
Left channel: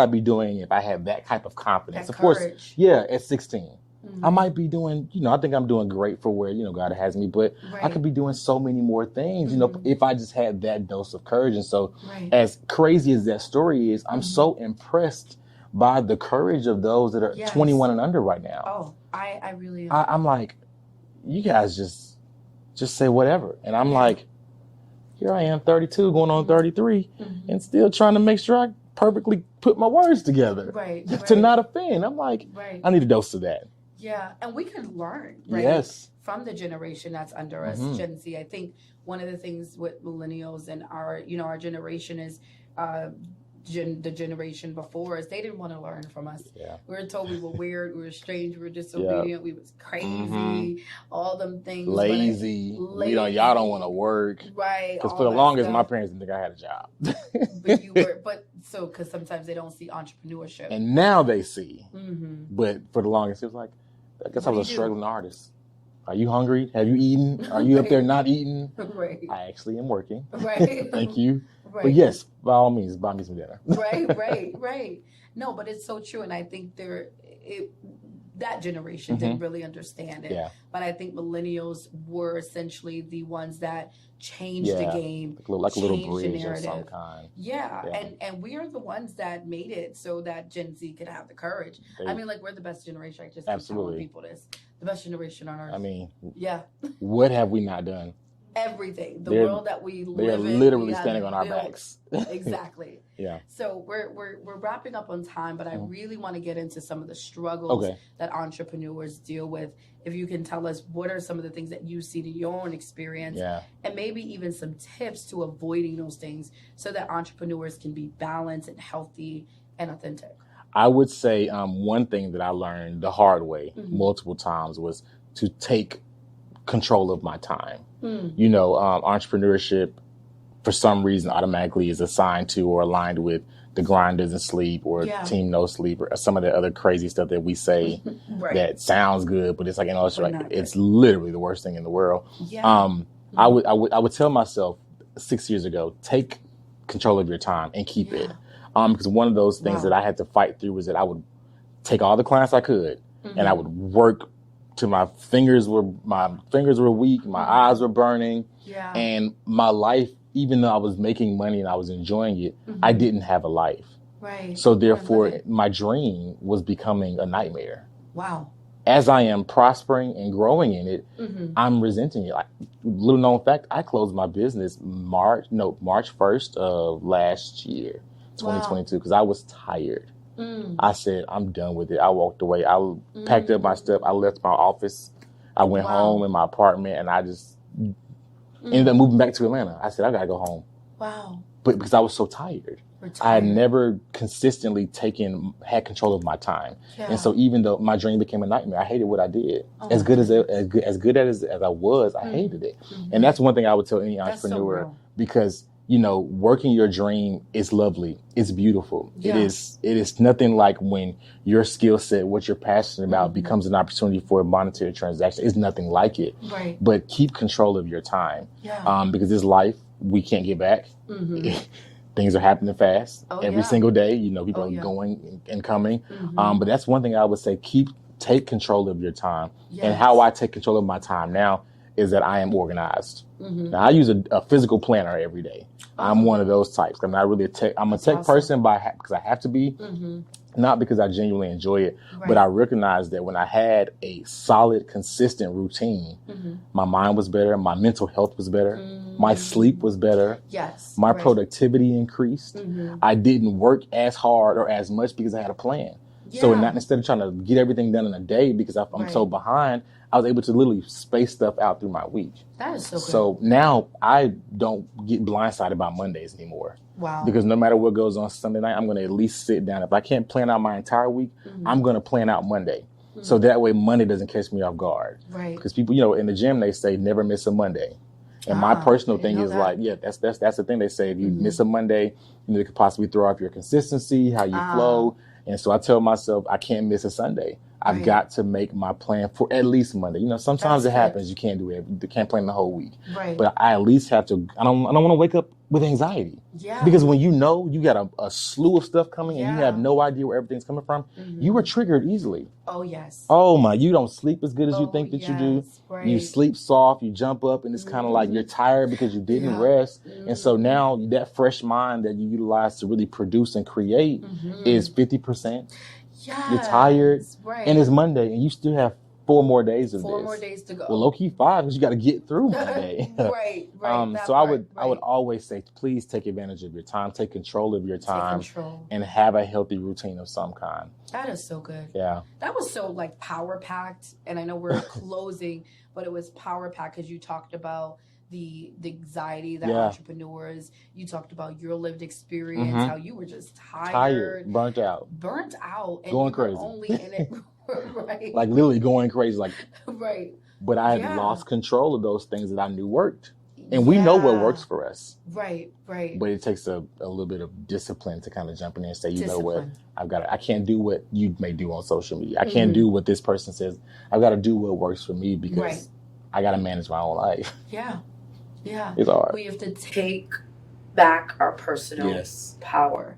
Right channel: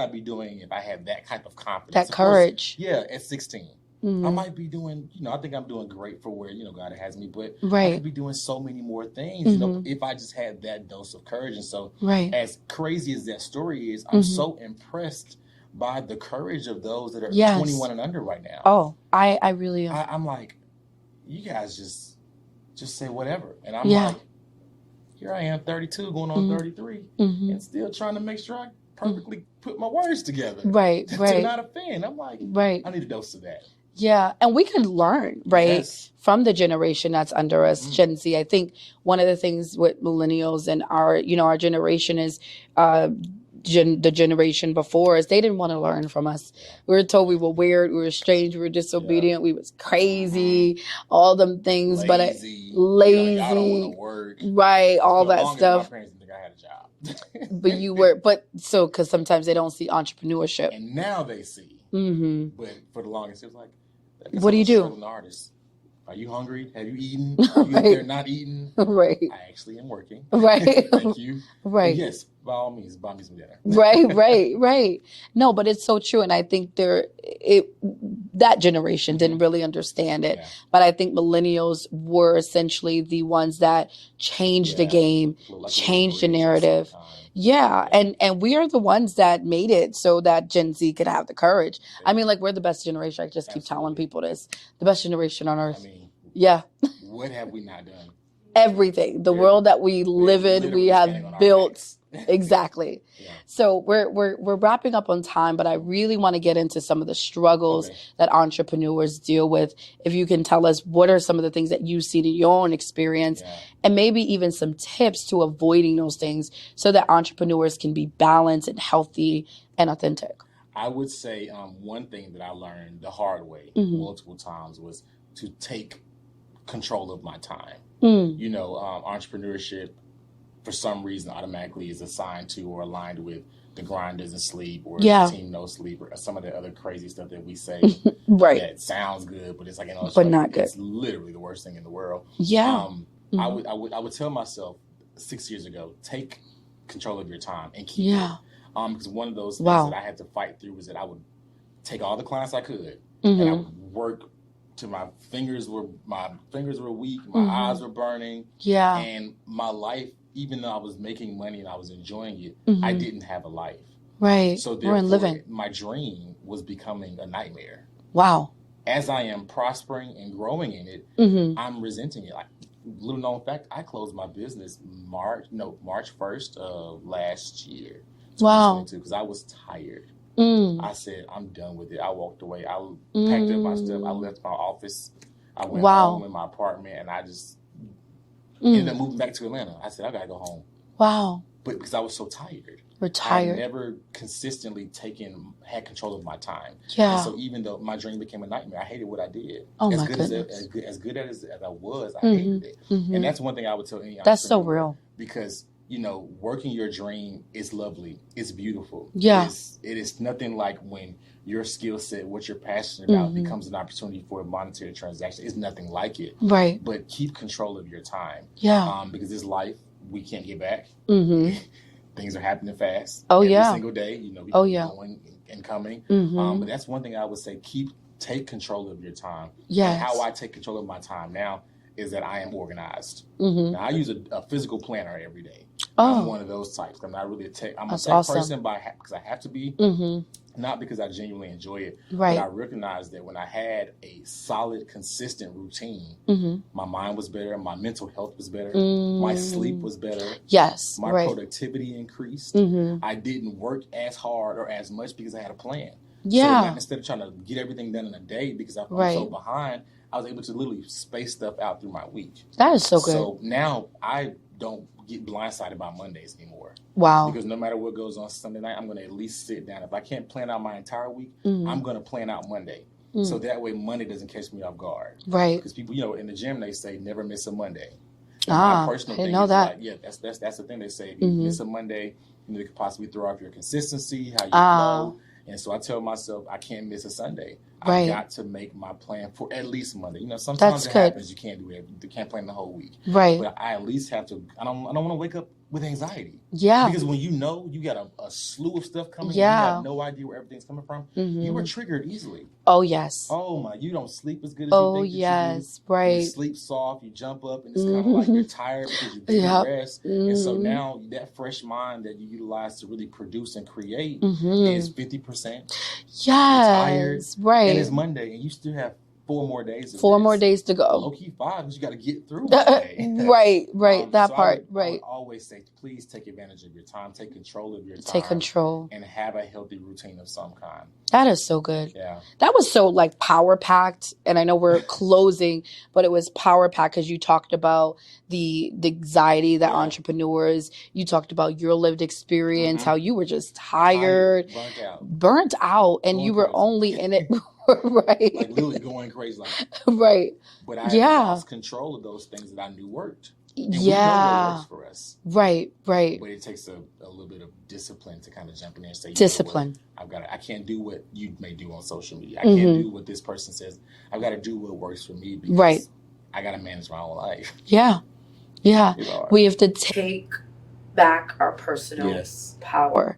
be doing if I had that type of confidence? That courage. Course, at 16. I might be doing, I think I'm doing great for where, God has me, but I could be doing so many more things, if I just had that dose of courage. And so as crazy as that story is, I'm so impressed by the courage of those that are 21 and under right now. Oh, I really am. I'm like, you guys just say whatever. And I'm like, here I am, 32, going on 33, and still trying to make sure I perfectly put my words together. Right. To not offend. I'm like, I need a dose of that. Yeah, and we can learn, from the generation that's under us, Gen Z. I think one of the things with millennials and our generation is the generation before us, they didn't want to learn from us. Yeah. We were told we were weird, we were strange, we were disobedient, we was crazy, all them things. Lazy. Lazy. Y'all don't want to work. Right, all for the that longest, stuff. my parents didn't think I had a job. But you were, because sometimes they don't see entrepreneurship. And now they see. But for the longest, it was like, I guess what do you do? Struggling artist. Are you hungry? Have you eaten? Are you up there not eating? Right. I actually am working. Right. Thank you. Right. But yes, by all means, buy me some dinner. Right. No, but it's so true. And I think that generation didn't really understand it. Yeah. But I think millennials were essentially the ones that changed the game, changed the narrative. Yeah. And we are the ones that made it so that Gen Z could have the courage. I mean, like, we're the best generation. I just keep telling people this. The best generation on earth. I mean, yeah. What have we not done? Everything. The world that we live in, we have built. Exactly. Yeah. So we're wrapping up on time, but I really want to get into some of the struggles that entrepreneurs deal with. If you can tell us what are some of the things that you've seen in your own experience, and maybe even some tips to avoiding those things so that entrepreneurs can be balanced and healthy and authentic. I would say one thing that I learned the hard way multiple times was to take control of my time. You know, entrepreneurship, for some reason, automatically is assigned to or aligned with the grind doesn't sleep or team no sleep or some of the other crazy stuff that we say that sounds good, but it's like, it's literally the worst thing in the world. Yeah. I would tell myself 6 years ago, take control of your time and keep it. Because one of those things that I had to fight through was that I would take all the clients I could and I would work till my fingers were weak, my eyes were burning. Yeah. And my life, even though I was making money and I was enjoying it, I didn't have a life. Right. So therefore, my dream was becoming a nightmare. Wow. As I am prospering and growing in it, I'm resenting it. Like, little known fact, I closed my business March 1st of last year, 2022, because I was tired. I said, I'm done with it. I walked away. I packed up my stuff. I left my office. I went home in my apartment, and I just ended up moving back to Atlanta. I said, I got to go home. Wow. But because I was so tired. I had never consistently had control of my time. Yeah. And so even though my dream became a nightmare, I hated what I did. Oh, as good as I was, I hated it. And that's one thing I would tell any entrepreneur. That's so real. Because, you know, working your dream is lovely. It's beautiful. Yeah. It is nothing like when your skill set, what you're passionate about, becomes an opportunity for a monetary transaction. It's nothing like it. Right. But keep control of your time. Yeah. Because this life, we can't get back. Things are happening fast. Every single day. You know, people are going and coming. But that's one thing I would say, take control of your time. Yes. And how I take control of my time now is that I am organized. Now, I use a physical planner every day. I'm one of those types. I'm not really I'm a tech person because I have to be, not because I genuinely enjoy it, but I recognize that when I had a solid, consistent routine, my mind was better, my mental health was better, my sleep was better. Yes. My productivity increased. I didn't work as hard or as much because I had a plan. Yeah. So instead of trying to get everything done in a day because I'm so behind, I was able to literally space stuff out through my week. That is so good. So now I don't get blindsided by Mondays anymore. Wow. Because no matter what goes on Sunday night, I'm going to at least sit down. If I can't plan out my entire week, I'm going to plan out Monday. So that way Monday doesn't catch me off guard. Right. Because people, you know, in the gym, they say never miss a Monday. And my personal thing is like, that's the thing they say. If you miss a Monday, you know, it could possibly throw off your consistency, how you flow. And so I tell myself I can't miss a Sunday. I've got to make my plan for at least Monday. You know, sometimes it happens. You can't do it. You can't plan the whole week. Right. But I at least have to. I don't want to wake up with anxiety. Yeah. Because when you know you got a slew of stuff coming and you have no idea where everything's coming from, you are triggered easily. Oh, yes. Oh, my. You don't sleep as good as you think that you do. Right. You sleep soft. You jump up and it's kind of like you're tired because you didn't rest. And so now that fresh mind that you utilize to really produce and create is 50%. Yes. You're tired. Right. And it's Monday and you still have 4 more days of 4 this. more days to go. Well, low-key 5, because you got to get through one day. Right. That so part. I would always say, please take advantage of your time, take control of your time. Take control. And have a healthy routine of some kind. That is so good. Yeah. That was so like power packed. And I know we're closing, but it was power packed because you talked about the anxiety that entrepreneurs, you talked about your lived experience, how you were just tired, burnt out, and you were only in it. Right. Like literally going crazy. Like, right. But I had lost control of those things that I knew worked. And we know what works for us. Right. But it takes a little bit of discipline to kind of jump in there and say, discipline. Know what, I can't do what you may do on social media. I can't do what this person says. I've got to do what works for me because I got to manage my own life. Yeah. It's hard. We have to take back our personal power.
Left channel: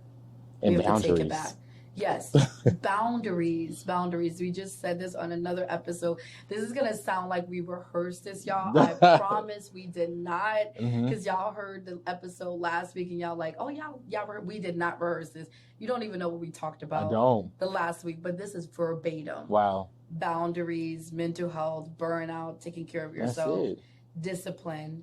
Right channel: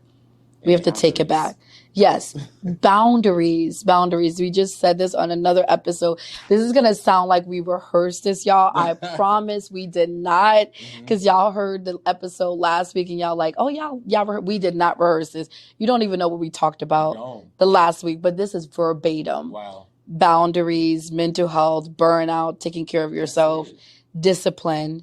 We have to take it back. Yes. Boundaries. We just said this on another episode. This is going to sound like we rehearsed this, y'all. I promise we did not. Because y'all heard the episode last week and y'all like, oh, y'all we did not rehearse this. You don't even know what we talked about the last week. But this is verbatim. Wow. Boundaries, mental health, burnout, taking care of yourself, discipline.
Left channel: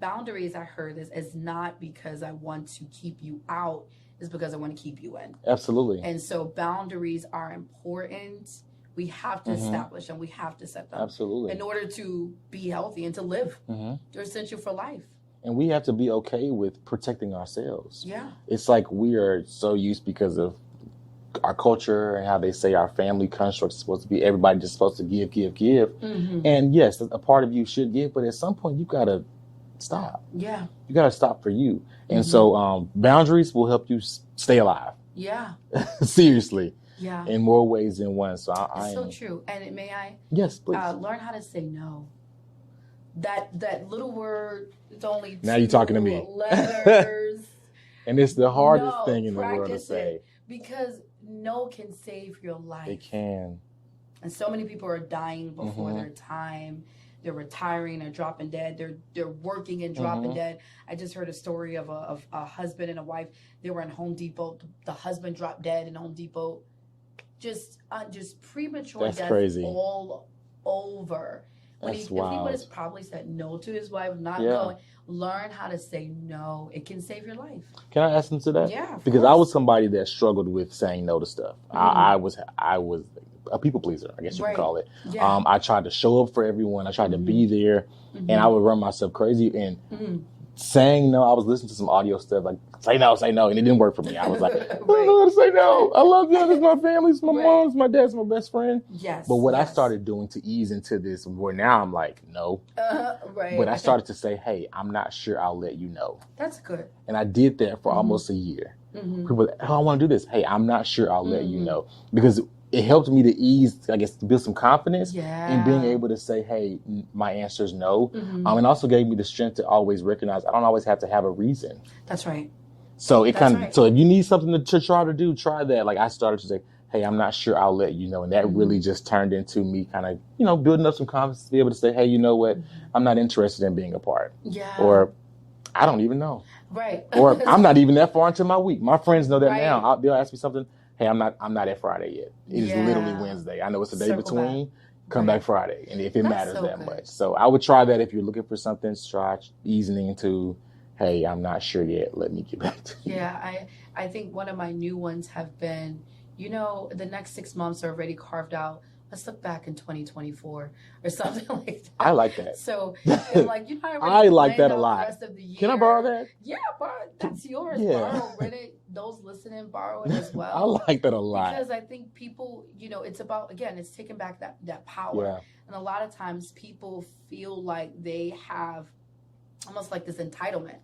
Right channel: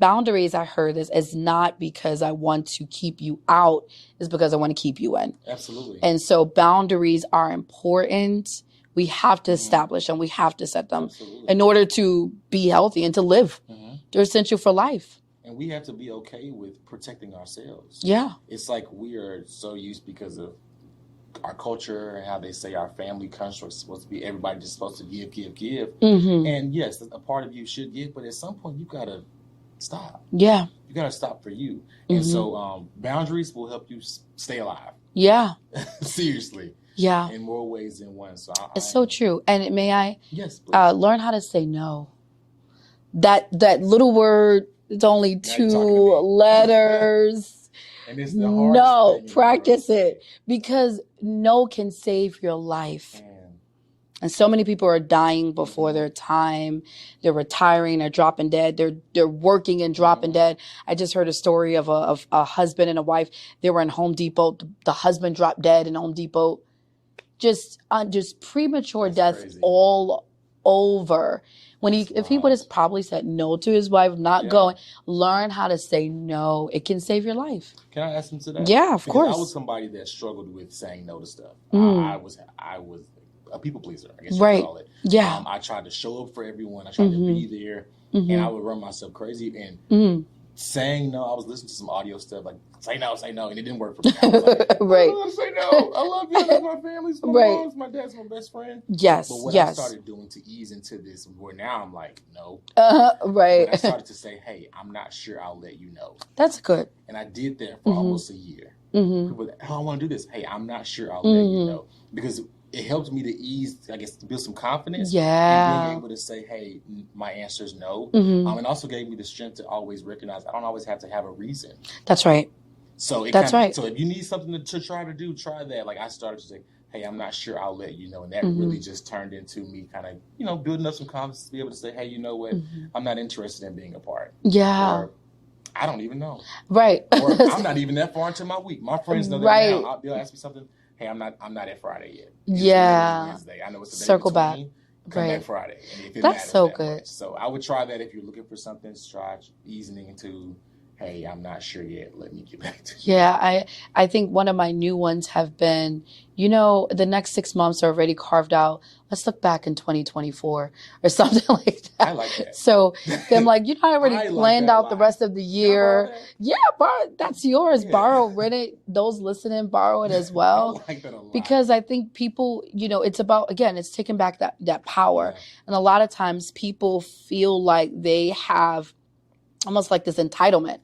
Boundaries, I heard this, is not because I want to keep you out, it's because I want to keep you in. Absolutely. And so boundaries are important. We have to establish them. We have to set them in order to be healthy and to live. They're essential for life. And we have to be okay with protecting ourselves. Yeah. It's like we are so used because of our culture and how they say our family construct is supposed to be everybody just supposed to give. And yes, a part of you should give, but at some point you got to stop. Yeah. You got to stop for you. And so boundaries will help you stay alive. Yeah. Seriously. Yeah. In more ways than one. So it's so true. And may I? Yes, please. Learn how to say no. That little word, it's only now 2 letters. And it's the hardest thing in practice the world it. Because no can save your life. It can. And so many people are dying before their time. They're retiring, they're dropping dead. They're working and dropping dead. I just heard a story of a husband and a wife. They were in Home Depot. The husband dropped dead in Home Depot. Just premature deaths all over. If he would have probably said no to his wife, not going, learn how to say no. It can save your life. Can I ask him to that? Yeah, of course. Because I was somebody that struggled with saying no to stuff. I was a people pleaser, I guess you could call it. Yeah. I tried to show up for everyone. I tried to be there, and I would run myself crazy. And saying no, I was listening to some audio stuff like say no, and it didn't work for me. I was like, I don't know how to say no. I love you. It's my family. It's my mom. It's my dad. It's my best friend. Yes. But what I started doing to ease into this, where now I'm like, no. Right. But I started to say, hey, I'm not sure I'll let you know. That's good. And I did that for almost a year. People were like, oh, I want to do this. Hey, I'm not sure I'll let you know. Because it helped me to ease, I guess, to build some confidence in being able to say, hey, my answer is no. And also gave me the strength to always recognize I don't always have to have a reason. That's right. So so if you need something to try to do, try that. Like I started to say, hey, I'm not sure I'll let you know. And that really just turned into me kind of, building up some confidence to be able to say, hey, you know what? I'm not interested in being a part. Yeah. Or I don't even know. Right. Or I'm not even that far into my week. My friends know that now. They'll ask me something. Hey, I'm not at Friday yet. It's literally Wednesday. I know it's the day between. Come back Friday. And if it matters that much. So I would try that if you're looking for something, try easing into, hey, I'm not sure yet. Let me get back to you. Yeah, I think one of my new ones have been, the next 6 months are already carved out. Let's look back in 2024 or something like that. I like that. So I'm like, I already planned out the rest of the year. Can I borrow that? Yeah, that's yours. Borrow, rent it. Those listening, borrow it as well. I like that a lot. Because I think people, it's about, again, it's taking back that power. Yeah. And a lot of times people feel like they have almost like this entitlement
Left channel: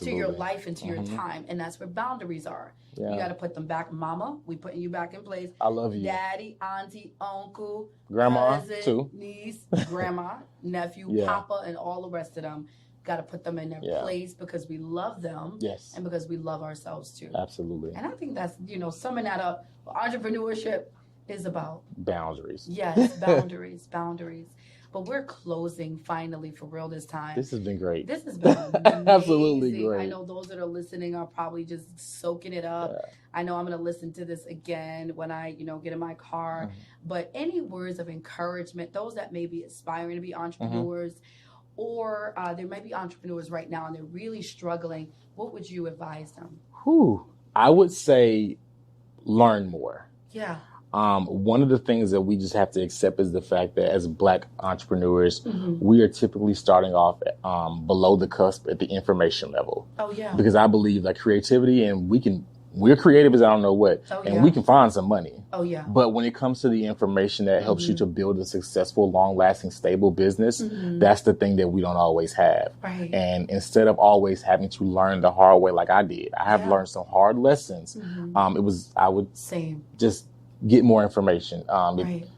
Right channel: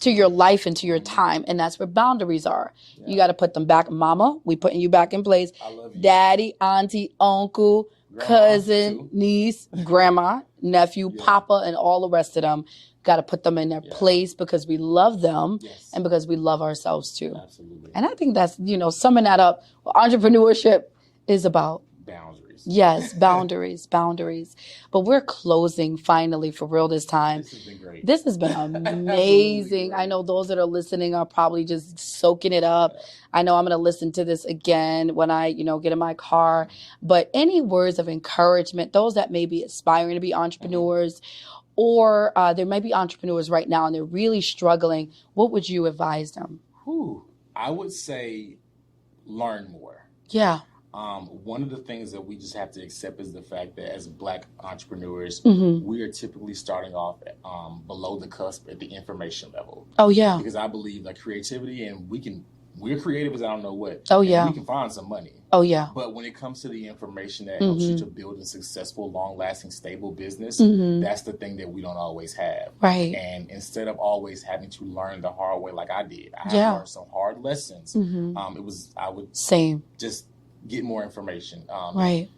to your life and to your time. And that's where boundaries are. Yeah. You got to put them back. Mama, we putting you back in place. I love you. Daddy, auntie, uncle, grandma, cousin, niece, grandma, nephew, papa, and all the rest of them. Got to put them in their place because we love them and because we love ourselves too. Absolutely. And I think that's, summing that up, entrepreneurship is about boundaries. Yes, boundaries. But we're closing finally for real this time. This has been great. This has been amazing. I know those that are listening are probably just soaking it up. Yeah. I know I'm going to listen to this again when I, get in my car. But any words of encouragement, those that may be aspiring to be entrepreneurs, or there might be entrepreneurs right now and they're really struggling, what would you advise them? I would say learn more. Yeah. One of the things that we just have to accept is the fact that as Black entrepreneurs, we are typically starting off below the cusp at the information level. Oh, yeah. Because I believe that creativity, and we're creative as I don't know what. Oh, yeah. And we can find some money. Oh, yeah. But when it comes to the information that helps you to build a successful, long-lasting, stable business, that's the thing that we don't always have. Right. And instead of always having to learn the hard way like I did, I have learned some hard lessons. I would just get more information. Right.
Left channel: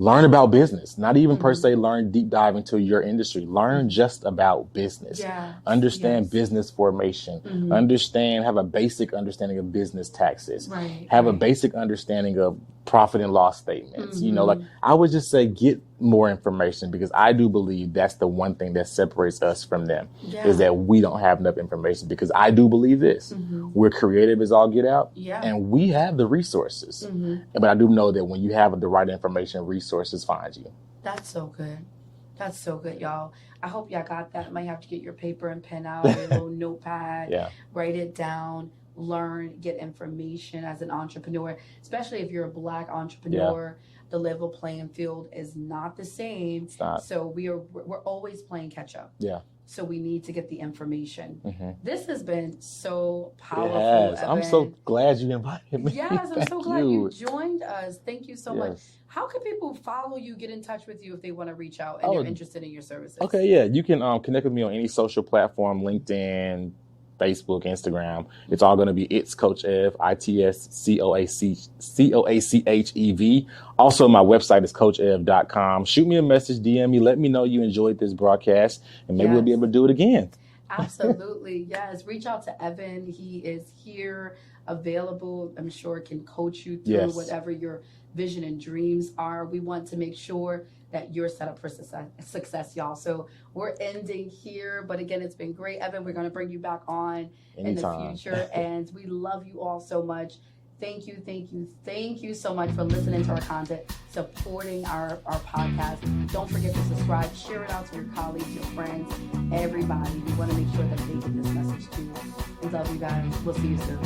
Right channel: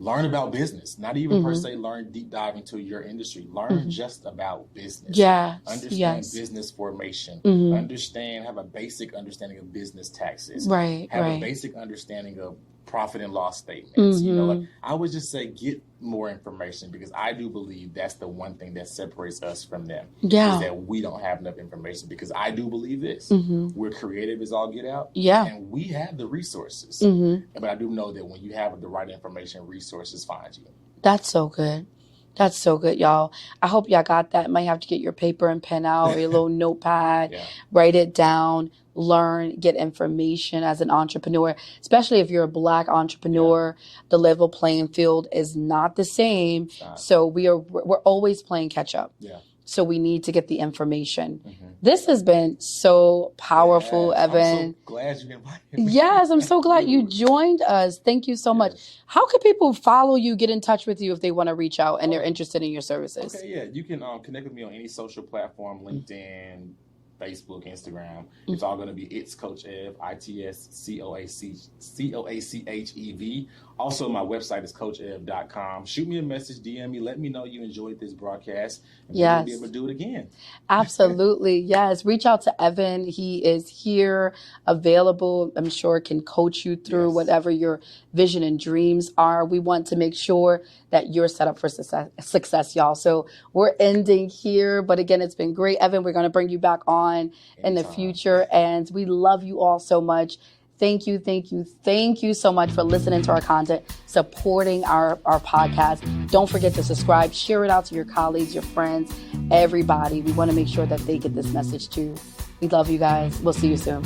Learn about business, not even per se learn deep dive into your industry. Learn just about business. Yeah. Understand business formation. Have a basic understanding of business taxes. Right. Have a basic understanding of profit and loss statements. I would just say get more information, because I do believe that's the one thing that separates us from them is that we don't have enough information, because I do believe this. We're creative as all get out. Yeah. And we have the resources. But I do know that when you have the right information, resources find you. That's so good. That's so good, y'all. I hope y'all got that. Might have to get your paper and pen out or your little notepad, write it down, learn, get information as an entrepreneur, especially if you're a Black entrepreneur. The level playing field is not the same. So we're always playing catch up. Yeah. So we need to get the information. This has been so powerful, Evan. I'm so glad you invited me. Yes, I'm so glad you joined us. Thank you so much. How can people follow you, get in touch with you if they want to reach out and they're interested in your services? Okay, yeah. You can connect with me on any social platform, LinkedIn, Facebook, Instagram. It's all going to be It's Coach Ev, ITSCOACHEV. Also, my website is coachev.com. Shoot me a message, DM me, let me know you enjoyed this broadcast, and maybe we'll be able to do it again. Absolutely. Yes. Reach out to Evan. He is here, available. I'm sure can coach you through whatever your vision and dreams are. We want to make sure that you're set up for success, y'all. So we're ending here. But again, it's been great. Evan, we're going to bring you back on in the future. And we love you all so much. Thank you so much for listening to our content, supporting our podcast. Don't forget to subscribe, share it out to your colleagues, your friends, everybody. We want to make sure that they get this message too. We love you guys. We'll see you soon.